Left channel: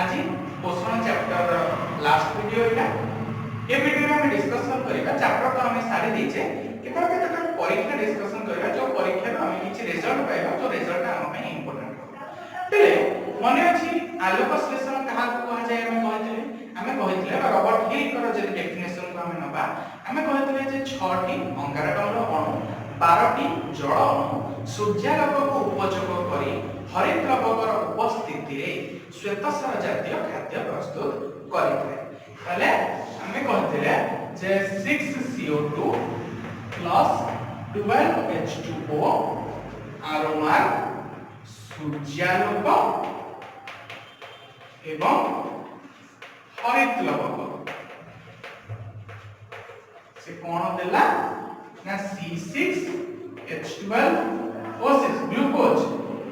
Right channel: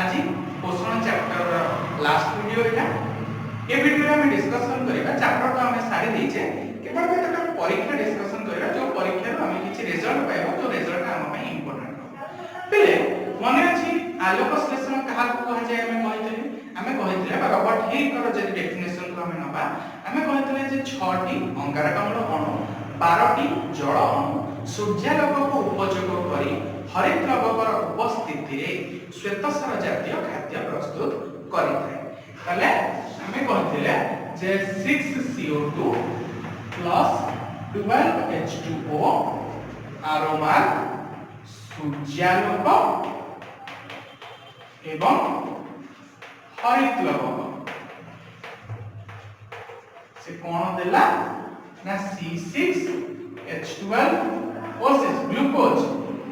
आज पोषण chapter last video एटा ए video में हम डिस्कशन करिबा चैप्टर तो हमें सारी देछे केवल केतटा परीक्षा डिस्कशन करिबा जो परीक्षा रो हमें किछि रिजल्ट पाइबा तो रिजल्ट हम ପାଇଁ इंपोर्टेंट पहिले मने अछि आलोक संश्लेषण कहा को कह जाय हमें कहितले रॉबर्ट हिल को जे डेफिनेशन को हमें नबा हमें कहितले जे 6 टी अंगारकाम्ल अणु 12 टी जल अणु सूर्यालोक को उपयोग करी हरित द्रव्यर उपस्थिति श्वेतसार जातीय खाद्य प्रस्तुत करिଥାଏ ताले हमें कहितले जे 6CO2 12H2O आरोमा सूर्यालोक एवं हरित लवक से कौन देला ना C6H12O6 glucose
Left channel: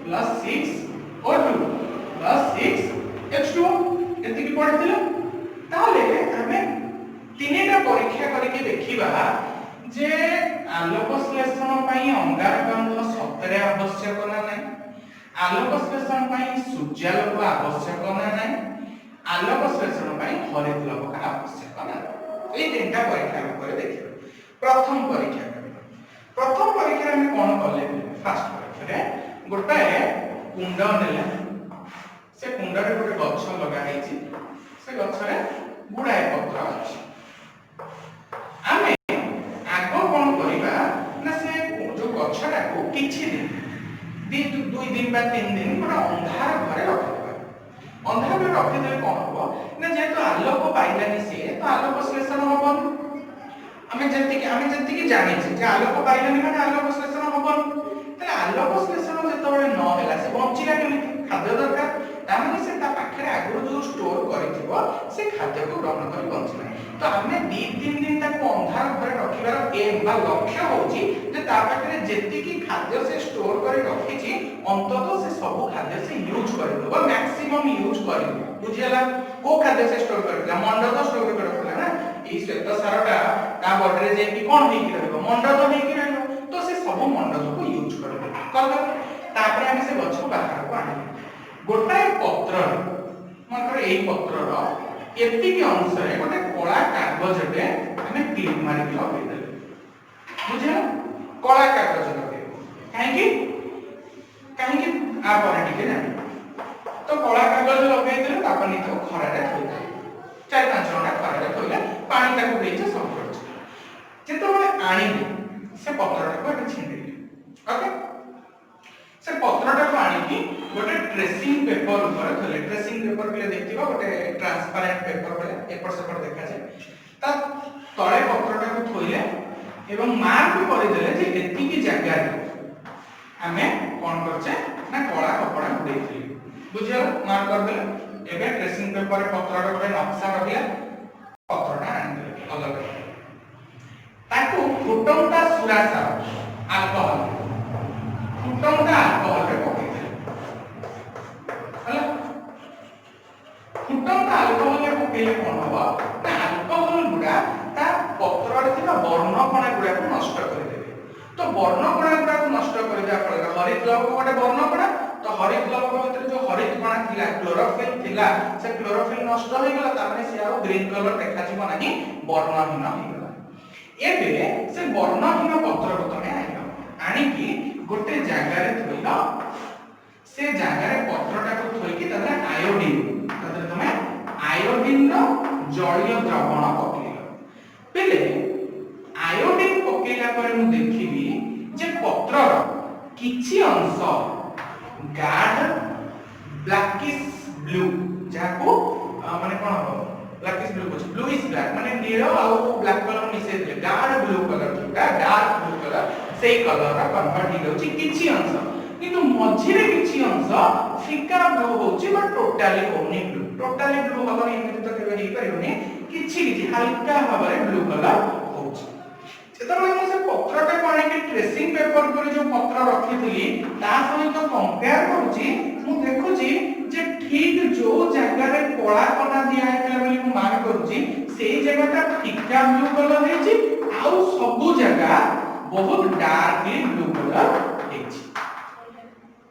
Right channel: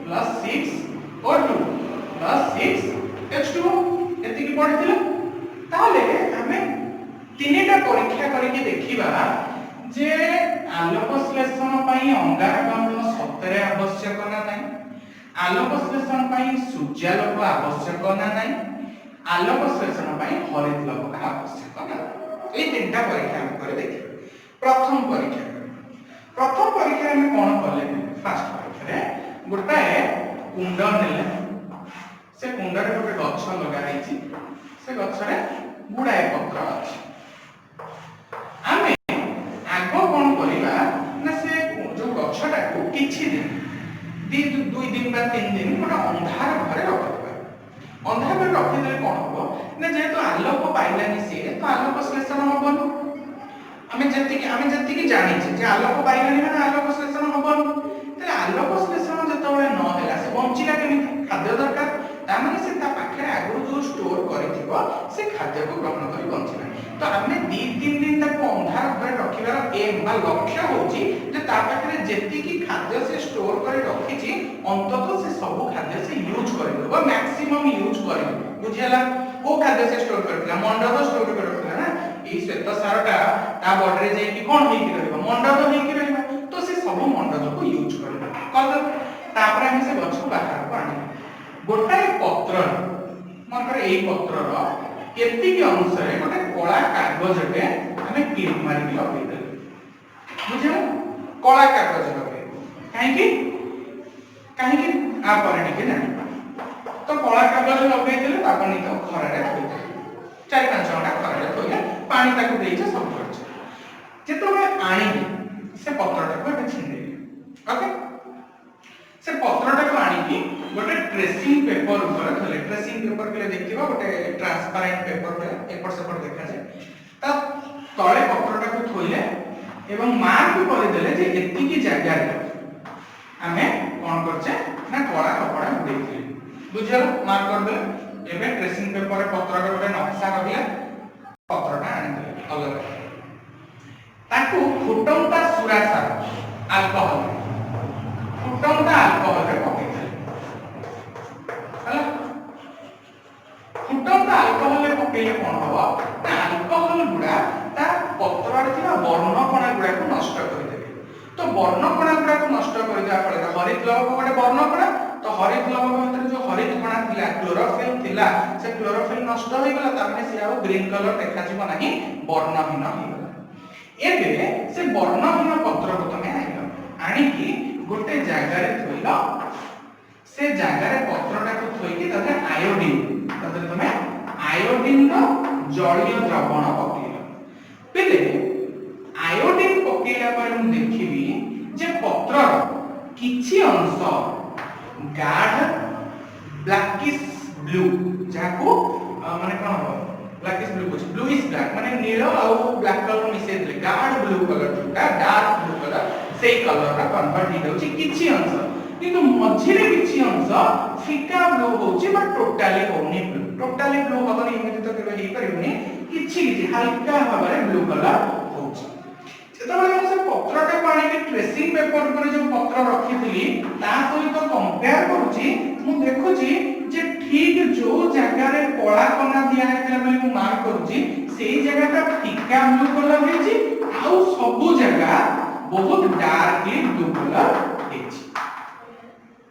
plus 6O2 plus 6H2O एति की पढ़िथिले ताले हमें तीनटा परीक्षा करके देखिबा जे आलोक संश्लेषण पई अंगारकाम्ल सतरे आवश्यक ना नाही आलोक संश्लेषण पई सूर्यालोक आवश्यक ना नाही आलोक संश्लेषण पई हरित लवक आवश्यक ना ए तीनटा परीक्षा करे देखिबा प्रथम परीक्षा में कोन करले फर्स्ट परीक्षा रे गोटाए कुंड नेले से कुंड रे गोटे गछ लगा हैछि से गछ रे गुडाए पत्र अछि आमे आगो कोन करिबा ना से जो गछटा को किछि दिन 2 दिन बा 3 दिन गोटे अंधार घरे रखिबा अंधार घरे रखि देले कोन हो ना जेतो आलोक पाइलानी से तो आलोक संश्लेषण होबन हमें जति कि जानि छै जे आलोक पाइलानी माने आलोक संश्लेषण होबन तले आलोक संश्लेषण जेतबे न होला से बंचिला केमिति खाद्य दरकार तामे से ता पाखरे आगु जो स्टोर करिथिबो से खाद्य को ग्रहण करी बंचिला तो हमें 2-3 दिन तक अंधार घरे रखिबार एम बा लक्ष्य होची जे ता पाखरे जेति कि खाद्य से स्टोर करी रखिछि अंततः से सब खाद्य से यूज करि देबो मैक्सिमम यूज करि बुझियला को खाद्य से स्टोर करथिला मंडल स्टोर करथिला ना ई श्वेत सारटा ता बॉडी रे जेकी कोन हेकि रहबो मंडल हेकि रहबो तो से सब मंडल को यूज करबो कल तापर हम से गछ बाहर को आनी गोटाए पत्र मन कर एई पत्र रो केति के अनुसार गोटे कला कागज रे हमें क्लिप मारी के लगे दे बुझियो कला कागज लगे काहे कि आ परे टिके जानि तो कला कागज लगे देले तापनी तो खरा रे थोइ 4-5 घंटा खरा रे थोइले पानी ताकू देइछ सब करछ जेतबे आनी से पत्रटा को छिंडे ओके से पत्रटा को आनी की गोटे ट्रेसिंग पेपर ऊपर थले ट्रेसिंग पेपर के देखिबा गोटे ट्रांसपेरेंट पेपर वाला एपर से पर देखा जाय त तळे पत्रटा को थोइले एवं मार्क कर देले जे एति की जगह रे हमें कोन करछे ना कला कपड़ा उड़ेइथिले बुझियला मार्क कर देले एबे ट्रेसिंग पेपर रे पत्रटा गोटे नक्शा रखले पत्रटा आनि देले अलग ताकू फुटंता सुरासा अल्कोहल फुटंता अल्कोहल रे पकेइथिले हला फुटंता अल्कोहल रे पकेइले कोन होबा ना अल्कोहल गुडा ता पत्र रे थिबा वर्णकणा गुडा को नष्ट कर देबे तो वर्णकणा गुडा को नष्ट कर दिया फल हरित लवक गोटे वर्णकणा तो हरित लवक भीतर जो हरित कणा थिला क्लोरोफिल थिला से क्लोरोफिल नष्ट होई गेला त माने से आ ग्रीन कलर देखा जिवो नाही वर्णहीन होई गेला एबे से वर्णहीन पत्र को तमे आनी की गोटे जगह रे थोइला से जगह रे पत्रटा को थोइ की तमे आयोडीन तमे आयोडीन रो जलीय द्रवण पकेइला पहिले आयोडीन पकेइला पर हम देखिबी जे पत्र किछि अंश गाढ़ ब्लैकिश ब्लू जाको माने कोन हो ब्लैकिश ब्लू कुछ ब्लू इज ब्लैक माने नील और ब्लैक कलर मिसे दे गाढ़ ब्लू कलर का डार्क ब्लू कलर सेई कलर का कन्वर्ट हि दोछि किछि अंश किंतु मझिरे किछि अंश फिका ब्लू होछि बट टोटली होनी ब्लू टोटली ब्लू हबनी एमिति तो केबे हि परिबनी किछि हल्का हबरे ब्लू कलर होछि जेतबे हम से पत्रटा पानी के ट्रेसिंग पेपर पर जो पत्र रखिथिली ता सहित कंपेयर करूची मु देखुची जे ठीक जो जगह रे कोला कोना दिया हेला बोली मु मार्क करूची सेही जगहटा फिका ब्लू कलर हेछि आउ सब जगह बहुत डार्कली ब्लू कलर हेछि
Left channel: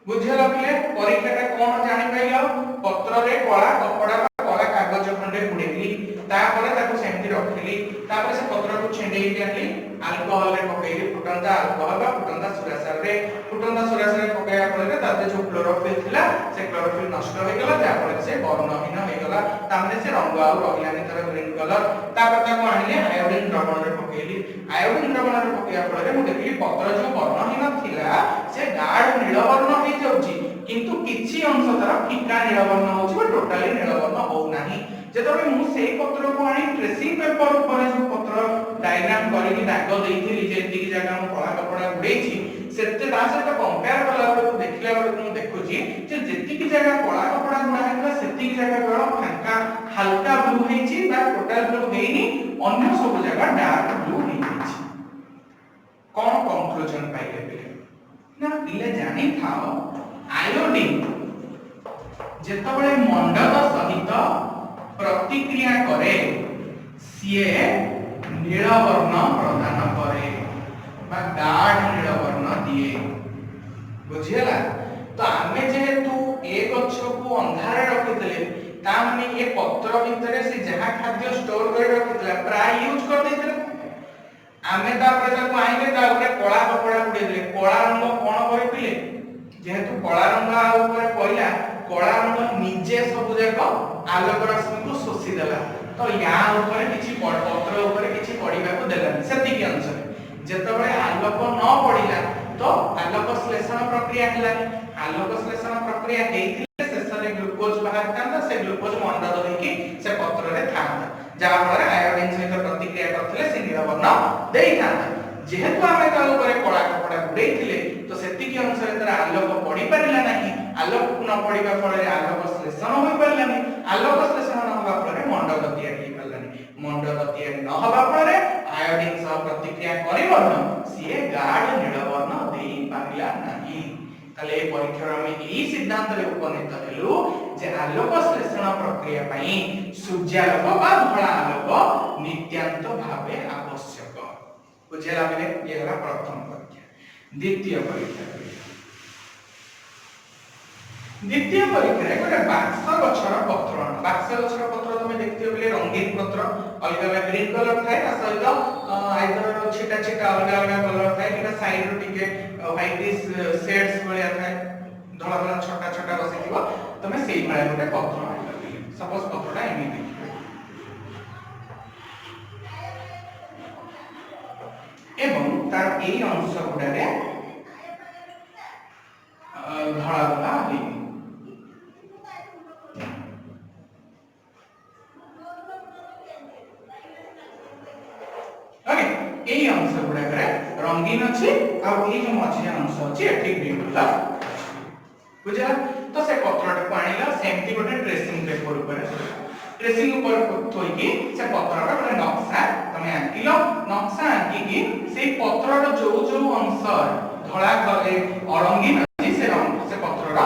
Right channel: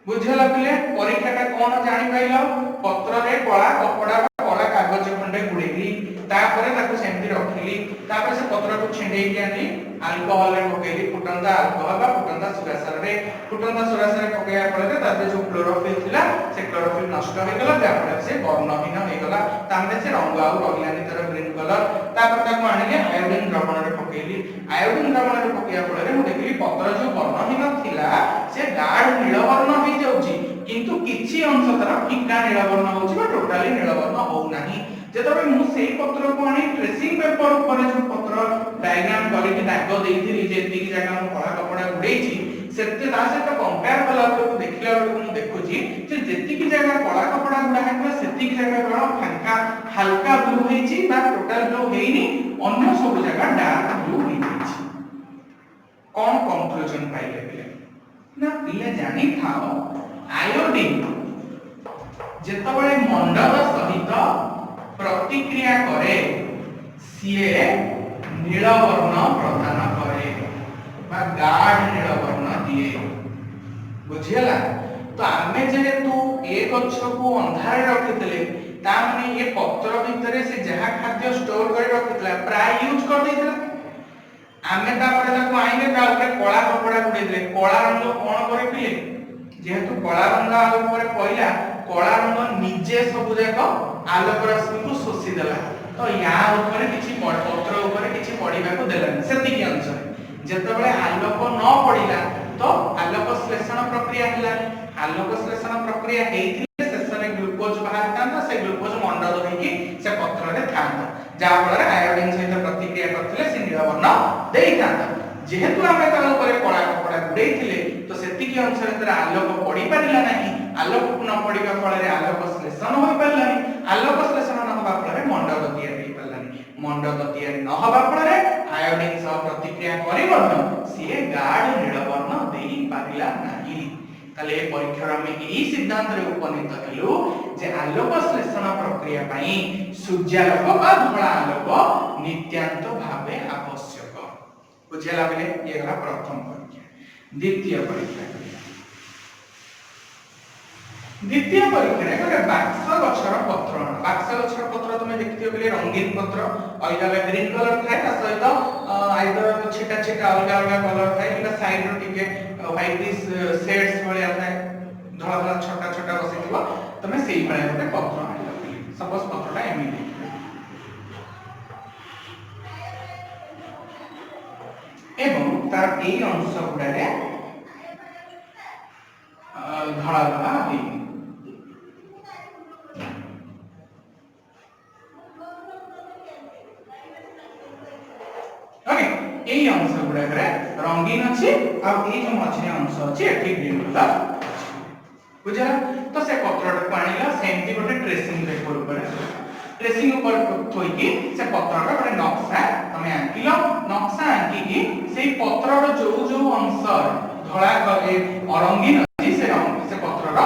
बुझला पिले परीक्षा का कोन जानि पाइलो पत्र रे कला कपड़ा कला कागज खंडे गुड़ेली तापर ताको सेमती रखिली तापर से पत्र को छिंडेई आनी अल्कोहल रे पकेली फुटंदा अल्कोहल बा फुटंदा सुरासार रे पकेया फल ताते जो क्लोरोफिल थिला से क्लोरोफिल नष्ट हो गेला जा फल से वर्णहीन हो गेला तामने से रंग आउ रहिलानी तर ग्रीन कलर तापर ताको आनी आयोडीन द्रवण रे पकेली आयोडीन द्रवण रे पकेया फल रे मु देखली पत्र जो वर्णहीन थिला से गाढ़ नील वर्ण हो जाउची किंतु किछि अंश तर फीका नील वर्ण होउची बा टोटली नील वर्ण हो नाही जेतबे मु सेई पत्र को आनी ट्रेसिंग पेपर ऊपर जो पत्र डायग्राम करिकि दाग देइथिली जेति जगह हम कला कपड़ा उड़ेछि सेते ता से तो कंपेयर कला को देखिला बेले मु देखुची जे जेति की जगह कला कपड़ा गुडा हेतला सेति की जगह बड़ा फंका हल्का ब्लू हेछि बा टोटल ब्लू हेइनी अन्य सब जगह डार्क ब्लू हेछि कोन कंक्लूजन पाइले बेले ना पिले जानि थाओ आयोडीन जेतबे मंडल सहित प्रतिक्रिया करे सीए नील वर्ण प्रदान करे बा गाढ़ नील वर्ण दिए बुझियला तो आमे जेहेतु ए गछ को अंधारे रखितले ता माने ए पत्र भितरे से जहा खाद्य स्टोर करि रखितला प्राय यूज कर देतला आमे ता पर ताको आइने ता ऊपर कला कपड़ा को देले कला रंग कोन करि पिले जेहेतु कला रंग आ ऊपर पइला कला रंग निजे सब जाक आलोक रश्मि को शोषि देला तो या ऊपर किछि पत्र ऊपर किछि पडिबा को देलानी सेति के अंश जेतबे आलोक न पडिला तो आलोक श्लेषण प्रक्रिया हिला आलोक श्लेषण प्रक्रिया हेइथिले शेषरे ग्लूकोज बाहर थांदा से ग्लूकोज मंडल देखि से पत्र रे थांदा जा फल आयोडीन सहित प्रतिक्रिया करथिले से नील वर्ण देई थांदा जेहेतु आमे ता ऊपर कला कपड़ा गुडेइथिले तो सेति के अंश रे आलोक पडी परिला नाही आलोक न पडिबा फल रे आलोक श्लेषण होई परिलानी आलोक श्लेषण न होबा फल रे मंडल तयारी परिलानी मंडल तयारी न होबा फल रे आयोडीन सह प्रतिक्रिया करिवर्ण सिए गाढ़ नील वर्ण देई पारिला नाही ताले ए परीक्षा में एई सिद्धांत रे उपनीत हेलु जे आलोक श्लेषण प्रक्रिया पई सूर्यालोक बा धळा आलोक नित्यांत भावे आवश्यक बुझेला बेले ये गला प्रथम परीक्षा द्वितीय परीक्षा द्वितीय परीक्षा रे गोटे बाक्स गछर पत्र बाक्स गछर पत्र तुमे देखियो बेले रंगीन पत्र अलगा ग्रीन कलर थाए ता सहित आइदर छिटा छिटा अलगा अलगा कलर थाए किबा साइड रो टिके व्हाइटिश शेड्स भलिया थाए धळा धळा छोटा छोटा बसिथिबो तुमे सेही भलिया गोटे पत्र आइलो सपोज पत्रटा एमिति एवं तार ए अंश गुडारे धळा धळा हे ओके ए अंश गुडारे रंगीन अछि आ ए जो मझे अंश अछि एठी ग्रीन कलर बुझला तो से पत्रटा को आनिला सेमती गोटे ट्रेसिंग पेपर ऊपर ट्रेसिंग ऊपर थोई की से पत्रटा गोटे नक्शा तमे आंकिलो नक्शा आंकी की से पत्रर जो जो अंश धळा करे अरंगीन अछि से पत्रर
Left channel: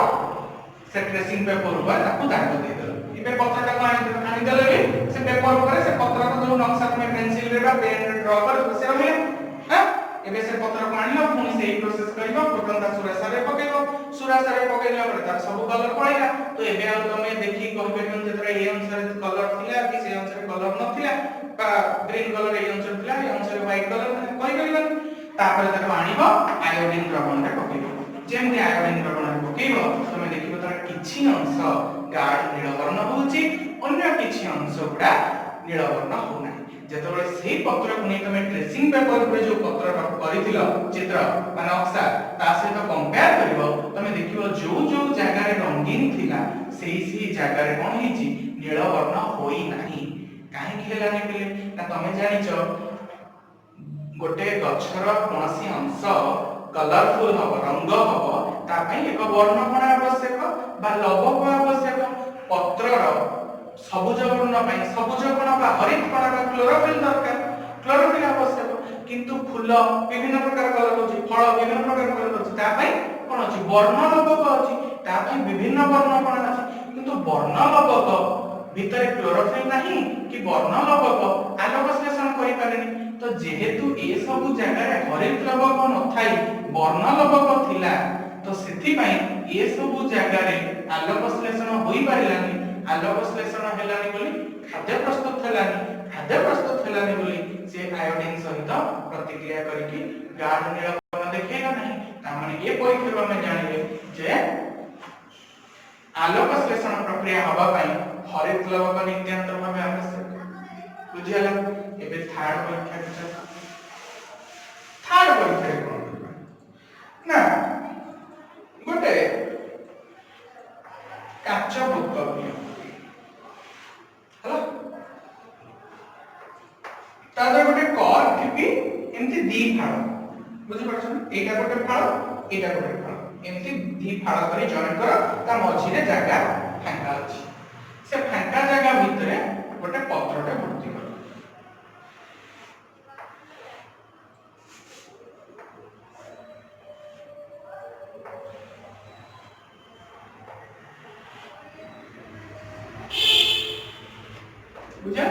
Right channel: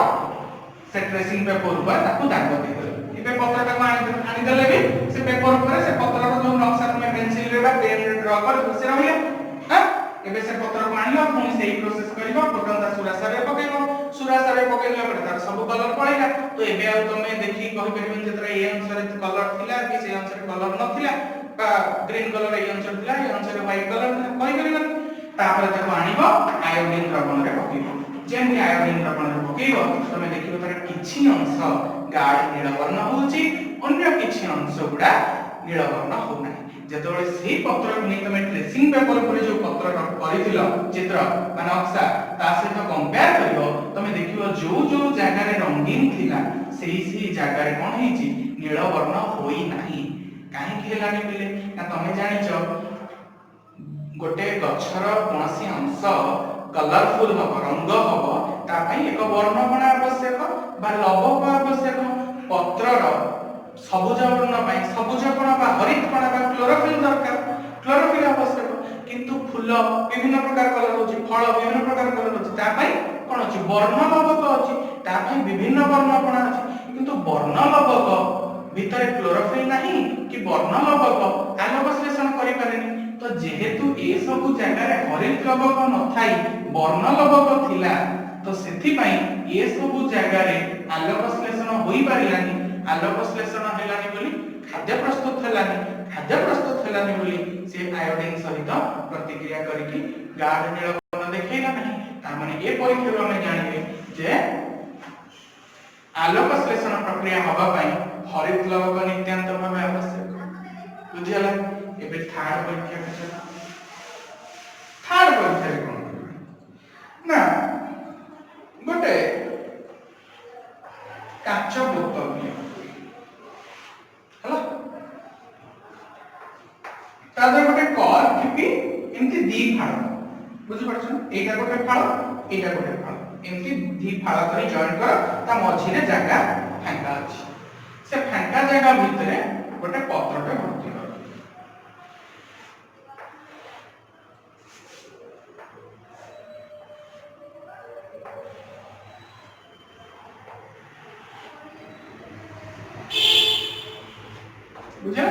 से ट्रेसिंग पेपर ऊपर ताको दाग दे दे इबे पत्रटा को आनी देले भी से पेपर ऊपर से पत्रर जो नक्शा तमे पेंसिल रे बा पेन रे ड्रा कर से रहिला हां एबे से पत्र को आनिलो पुनी सेही प्रोसेस करिवो फुटंदा सुरासार रे पकेइबो सुरासार रे पकेइला पर तार सब कलर पळिला तो एबे आ तमे देखि कहि परिबन जेतरा ए अनुसार कलर थिला कि से अनुसार कलर नथिला बा ग्रीन कलर ए अनुसार थिला ए अनुसार व्हाइट कलर कहि परिबन तापर ताको आनिबो आयोडीन द्रवण रे पकेइबो जेमि आयोडीन द्रवण रे पकेइबो तमे देखिबो तार किछि अंश गाढ़ नील वर्ण होउची अन्य किछि अंश गुडा नील वर्ण हो नाही जेतबे सेही पत्र को नै तमे ट्रेसिंग पेपर पर जो पत्र करिथिलो चित्र बा नक्शा ता सहित कंपेयर करिवो तमे देखिबो जो जो जगह रे रंगीन थिला सेही जगह रे कोन हेची नील वर्ण होई नाही काहे खेलानी बेले ना तमे जानिचो गोटे गछर कोनसी अंश कलरफुल हबो रंग हबो ता पई एक वर्णमाला आवश्यक बा लवक आवश्यक पत्रर सबुज वर्ण पई सबुज कोन बा हरित कोन बा क्लोरोफिल दरकार क्लोरोफिल आवश्यक किंतु फूल विभिन्न प्रकार कलर होची फल विभिन्न प्रकार कलर होची ता पई कोन होची वर्ण लवक होची ता पई विभिन्न वर्ण कोन होची किंतु वर्ण लवक भितर क्लोरोफिल नाही कि वर्ण लवक आलोक श्लेषण करि पारेनी तो जेहेतु ए सब जगह रे हरित लवक न थाई वर्ण लवक थिला तो सेथि पई ए सब जगह रे आलोक संश्लेषण होई पारिलानी आलोक संश्लेषण हेलानी बोली खाद्य प्रस्तुत हेलानी खाद्य प्रस्तुत हेलानी बोली से आयोडीन सहित प्रतिक्रिया करिकि गाढ़ नील वर्ण देखैला नहीं ता माने ए परीक्षा में जानिबे जे आलोक संश्लेषण प्रक्रिया हवा पई हरित लवक नित्यांत भाव आवश्यक बुझियला एबे थर्ड परीक्षा थर्ड परीक्षा रे कोन ना गोटे काच बोतल हला तादर गोटे कॉर्क टिपी एमती दी फाड़ बुझि परछन एटा गोटे फाड़ एटा गोटे फाड़ एमती दी फाड़ करी जॉइन कर ता मझी रे जगह फांका अछि से फांका जगह भितरे गोटे पत्रटे भर्ती कर बुझा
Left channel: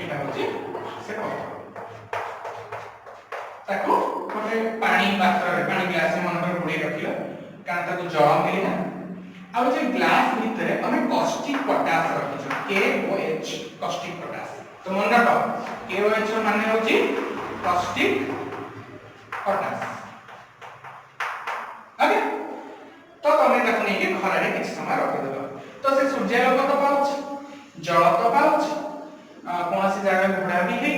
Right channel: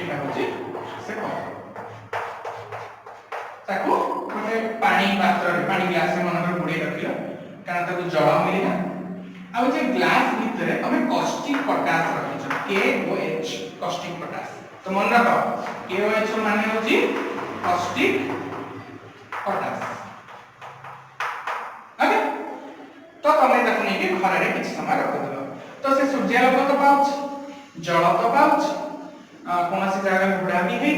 एटा होची से पत्र ताको गोटे पानी पात्र रे पानी ग्लास मन रे बुडी रखियो कारण ताको जल मिलिना आ जे ग्लास भितरे हमें कॉस्टिक पोटास रखियो KOH कॉस्टिक पोटास तो मन रख KOH माने होची कॉस्टिक पोटास ओके तो तमे ताको नेकी खरा रे किछ समय रखि दो तो से सूर्यालोक तो पाउछ जल तो पाउछ कौन सी जगह बुढ़ा भी है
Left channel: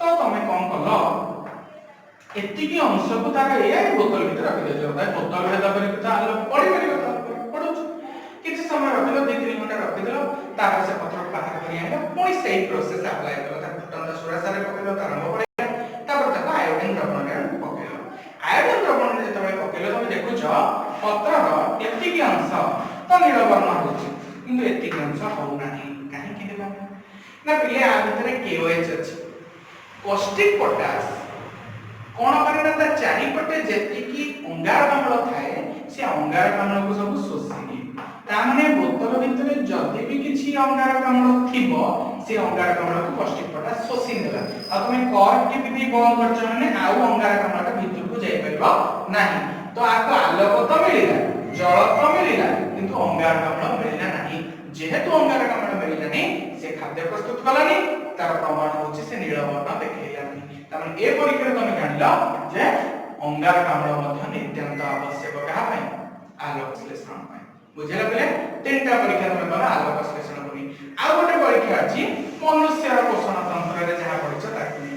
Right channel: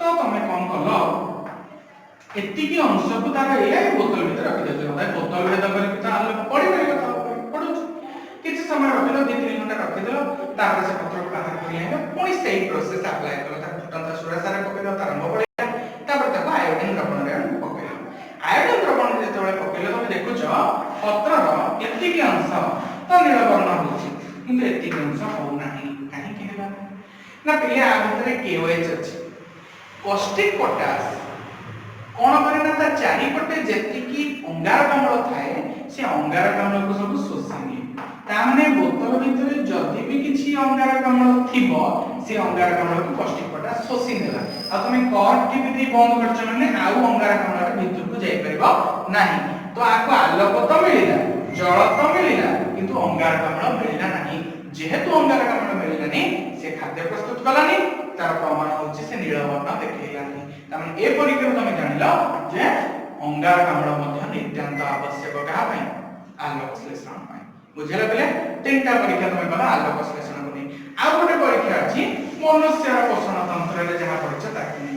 तो तुम कौन कल एतिकी अंश को तार ये बोतल भीतर रखि देछो तार बोतल भीतर दबल तो आलोक पड़ी पड़ो किछ समय रखिलो 2-3 घंटा रखि देलो तापर से पत्र बाहर करी आइबो पुणी सेही प्रोसेस अप्लाई करो तार फुटंता सुरासा रे पकेलो तार रंग पड़िला तापर ताको आयोडीन द्रवण रे पकेलो आयोडीन द्रवण रे जतबे पकेलो तुम देखुछो पत्रर एतिकी अंश तो नील वर्ण होछि किंतु एतिकी अंश हो नाही काहे कि हेबा ना पिले आ भितरे KOH अछि कॉस्टिक पोटास कोन करे ना ता चारि पटे जेतिकी अंगारकाम्ल थाए से अंगारकाम्ल को सब शोषिनी ता माने बोतल भितरे जदी भी किछि अंगारकाम्ल थिबो से अंगारकाम्ल को कॉस्टिक पोटास शोषि नेला आ तुमे कॉर्क टिपि दे बंद करछ माने आउ अंगारकाम्ल के भीतर को जाई परबो नाही तो आको आलोक तो मिलिला जल तो मिलिला किंतु अंगारकाम्ल मिलिला नाही जेहेतु अंगारकाम्ल मिलिला नहीं से खाद्य प्रस्तुत कलानी तार प्रमाण होछि से नील वर्ण देखैलानी तमे ए परीक्षा तमे जानिलो जे अंगारकाम्ल मध्ये नित्यांत आवश्यक कहा पय आलोक संश्लेषण पय बुझला पिले तीनटा परीक्षा तमे कला आलोक संश्लेषण कमी आ गोटे परीक्षा अछि मनुष्य पोषण तंत्र रे जहा परीक्षा ताकि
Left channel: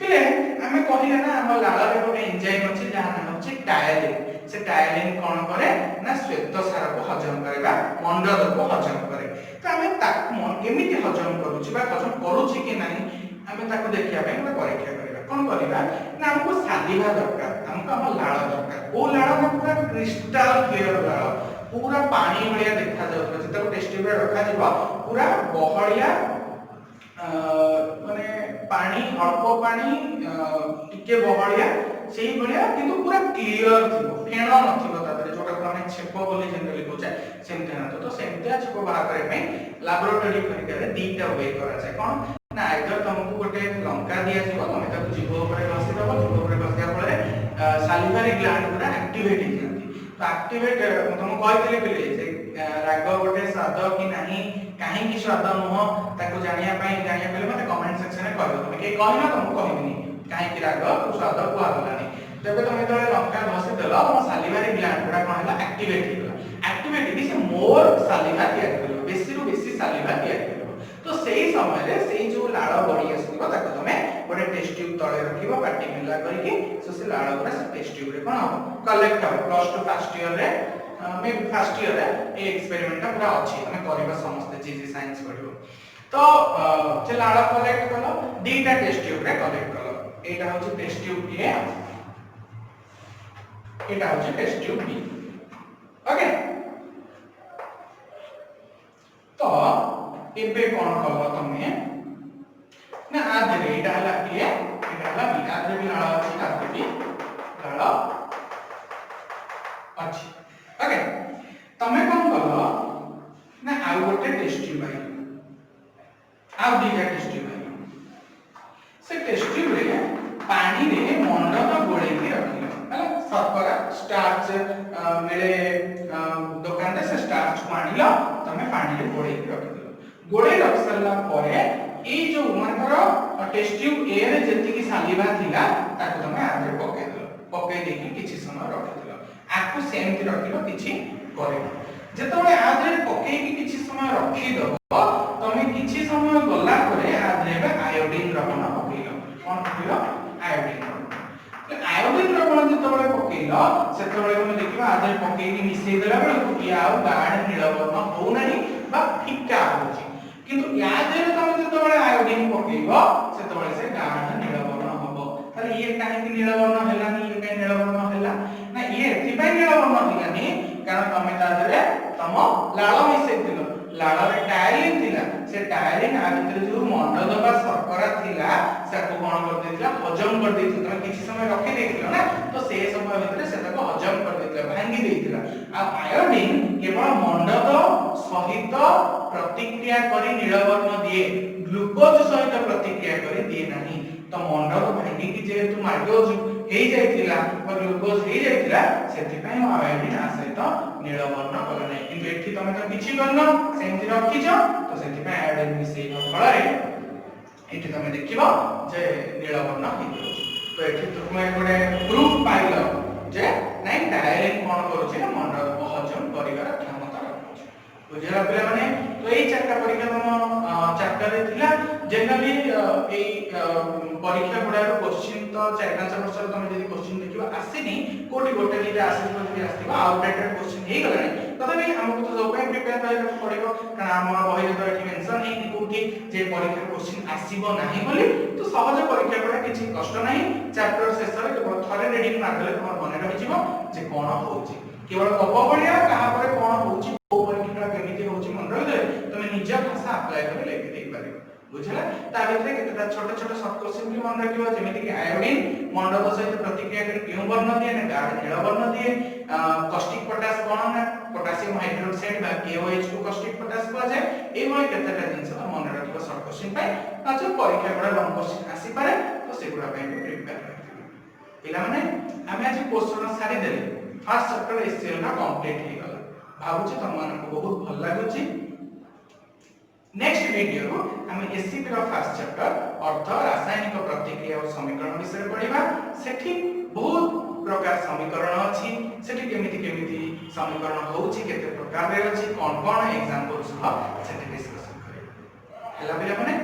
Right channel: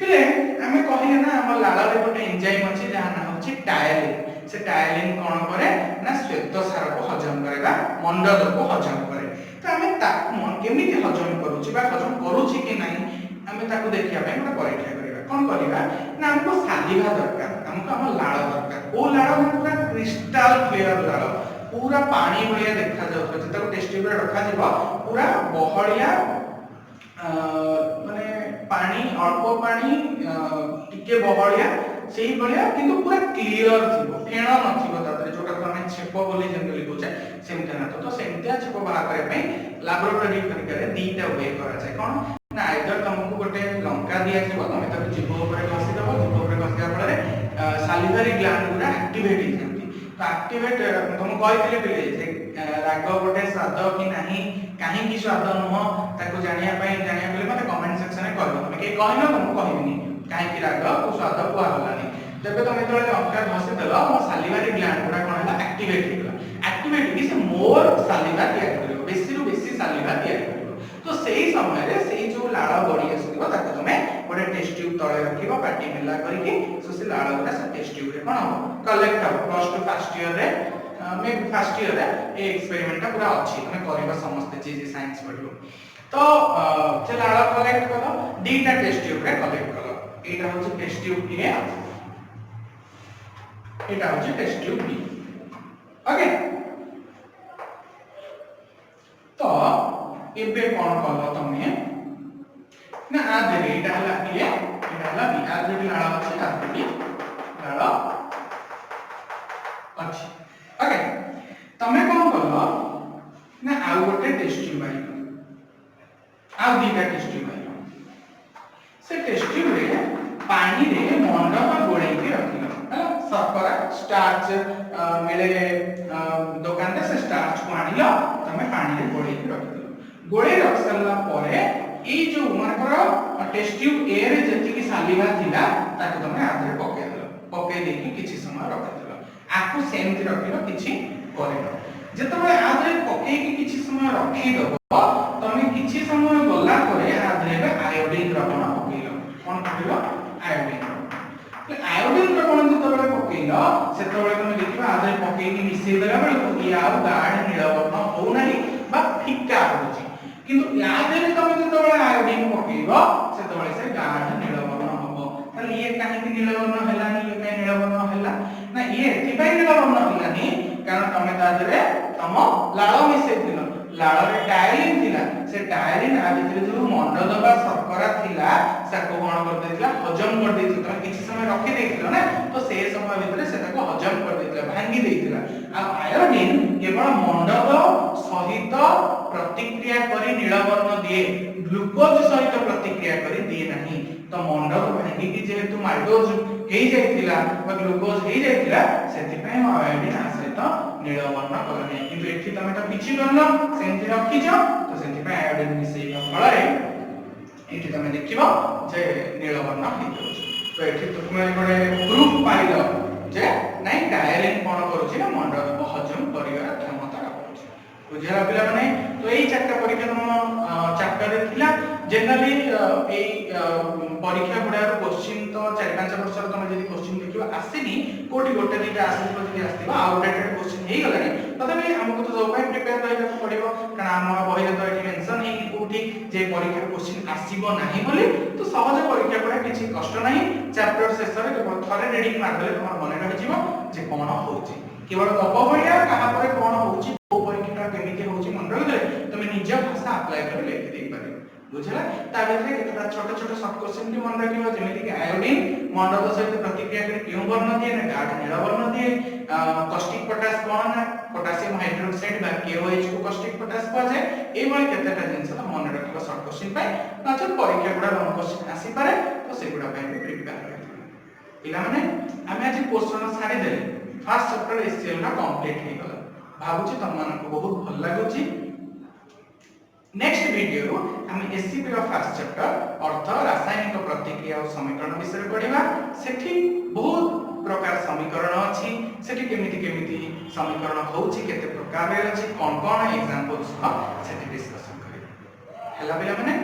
पिले हमें कहिला ना हम लाला रे गोटे एंजाइम अछि जहा नाम अछि टायलिन से टायलिन कोन करे ना श्वेत सार को हजम करबा मंडल को हजम करे तो हमें ताकू केमिति हजम करूची बा हजम करूची कि नाही हमें ताकू देखिया पय हम परीक्षा करबा कोन करबा ना हमको सालिवा दरकार हमको हम लाळ दरकार ओ लाळ में पूरा क्रिस्टल क्लियर लाळ पूरा पानी भलिया देखा जाउ जतको टेस्ट ट्यूब रे रखा दिबो पूरा बहलिया माने पानी अल्प पानी टिके बहलिया सेही बलिया किंतु पूरा क्लियर थिबो फेण नथिबो तादरे जोटा को हम छेप बोली जनरली कहू जाय सेमते ना तो सेमते छेप बाहर करे पई लैबोरेटरी करे दीटा वे करा जाय कोन ना आइदर तुमको गोटे लंका दिया जिवो तमे ताको जीव ऊपर घसी दबो जीव ऊपर घसिया फळे सालिवारी ग्लैंड गुरा एक्टिवेट हो जाती तो एक्टिवेट तुम कहले पिले जे राग गोटे स्वाद कि नाही काहे कि स्वाद नुह ताको जानिया पले मते कमेंट सेक्शन में कहबो तमे के कहनो तुमको कहबिनी काहे कि राग को स्वाद को आलानी तबे तुम तळे लंका घसी देलो मो सालिवारी ग्लैंड गुरा कोन हला एक्टिवेट हिला एक्टिवेट कि से मोर सालिवा तयार करियो बेसी रु बेसी सालिवा तयार करियो तो सेही समय रे सेही जो लाळ बढी आसीबो ताको तमे गोटे टेस्ट ट्यूब तळे रखिबो पाटी मिला करिकि सो से लाळ गुरा से टेस्ट ट्यूब रे कोन हो कलेक्ट हो प्लस टू फर्स्ट ईयर रे मे फर्स्ट ईयर रे ए एक्सपेरिमेंट पूरा अछि तमे करबा समस्त चीज साइंस पढिबो तो से लाळ कलेक्ट करो दीटा टेस्ट ट्यूब रे कलेक्ट करो एटा होची टेस्ट ट्यूब ए एटा होची टेस्ट ट्यूब बी ओके तो एबे कोन कलो तमे ना आदरे एटा हला ए एटा हला बी आदरे भी लाळ अछि आदरे भी लाळ अछि ओके तमे कोन कलो ना आ गोटे टेस्ट ट्यूब आई आ दीटा टेस्ट ट्यूब आई से टेस्ट ट्यूब रे पानी रे मंडल गोळेई के रखिलो हला शर्करा स्टार्च मिले दुकान से स्टार्च को आनिलो तमे पानी रे गोळेई रख दिलो गोळेई रख सरला परे ए जो मानकर टेस्ट ट्यूब ए रे जति की सालिवा थिला ताको तमे आधरे पके दिलो पके देकी किछि समय रख दिलो आकु सेमति रखिलो किछि करे जेतबे आधरे पके की किछि समय रखि दबो तमे किछि समय गला परे आधरे आयोडीन द्रवण पकेइलो कोन पकेइलो आयोडीन आयोडीन द्रवण जेतबे पकेइलो सेतबे कोन देखिबा आधरे पकेइकी मिसेइ देला बेलकु या गाढ़ नीलवर्ण हो नाही बा फिक्का होछि किंतु या देले तमे जेतबे आयोडीन पकेइबो सेतबे से गाढ़ नीलवर्ण हबो ताले ये काहे कि नीलवर्ण हेलानी ये काहे नीलवर्ण हेला ना ये एथिपाई नीलवर्ण हेलानी कारण तमे ता देले तम लाळ मिसेइ दिलो लाळ रे डायरिन थिला से डायरिन आ भितर जो मंड दबा शर्करा थिला साको कोन कर देथिला हजम कर देथिला तमे किछि समय रखि देथिलो ना तो से समय भितर सेटाको हजम कर देथिला भांगी देथिला आ आयोडीन केवल मंडद सहित प्रतिक्रिया करी नीलवर्ण दिए ग्लूकोज सहित प्रतिक्रिया करी दिए नाही तो मंडद भांगी की जेहेतु माल्टोज हेई जायतिला बा ग्लूकोज हेई जायतिला सेति पय आयोडीन आ सहित नीलवर्ण कले नै किंतु एठी तमे तो किछि करनो सेंति रखि जो तो सेति पय आयोडीन मिसेइ फଳରେ एठी तमे देखिबो जे नीलवर्ण हेइ तो एठी तुमे गोटे प्रूफ पाइलो जे नै डायरिन कोन करूछि मंडल को हजम करिवार क्षमता रखुछि बुझिला पिला माने तो एई चारटा परीक्षा तम चैप्टर रे थिला जनरली एई परीक्षा गुडार क्वेश्चन तो 4-5 वर्ष तमे जदी क्वेश्चन देखिबा आसीनी कोठी गोटे दिटा आसीबो जदी आसीबा आउटडेटेड क्वेश्चन हेइ गलानी तथापि हमको तो सब प्रिपेयर रहबा पड़िबो कारण हम बही तो एठी मेंशन हेइ कोठी जे परीक्षा क्वेश्चन आसीबो नाही बोली तो सहज परीक्षा गुडा किछि कष्ट नाही चैप्टर शेष रे केवल थरे रीडिंग मारले तमर मने रहि जिवो जे कोन होउची केवल कब बढिया कहा पर कोन होउची को परीक्षा केमिति होउची मन रहि तमे निज भाषा अप्लाई कर लिखि देई पारिबो बुझला ता भितरे केतटा छोट छोट सब क्वेश्चन के मन रखिबो जेमिति कि आयोडीन मंडल सहित प्रतिक्रिया कर क्यों वर्ण दिए ना गाढ़ नीला वर्ण दिए कॉस्टिक पोटास कोन ना पोटेशियम हाइड्रोक्साइड बा KOH को कॉस्टिक पोटास को जाय ए भली केतटा जिंस मन रखिबो सब क्वेश्चन पाई नाचो परीक्षा गुडा लॉन्ग क्वेश्चन आसी पारे तो से गुडा पे प्रिपेयर करथिबो पिला माने हमें आज क्वेश्चन सारी देले फर्स्ट चैप्टर SCL ना कंप्लीट हे गला भाबुची तुम मन को बहुत भल लागुची नेक्स्ट वीडियो रो हम एससीपी रो फर्स्ट चैप्टर अर्थ रासायनिक प्रतिक्रिया और समीकरण विषय पढिबा सेठी बहुत प्रकार समीकरण अछि सेठी केमिति समीकरण होउची केते प्रकार रे अछि कोन कोन एग्जांपल सह सेठी डिस्कशन करिबा हला बिला माने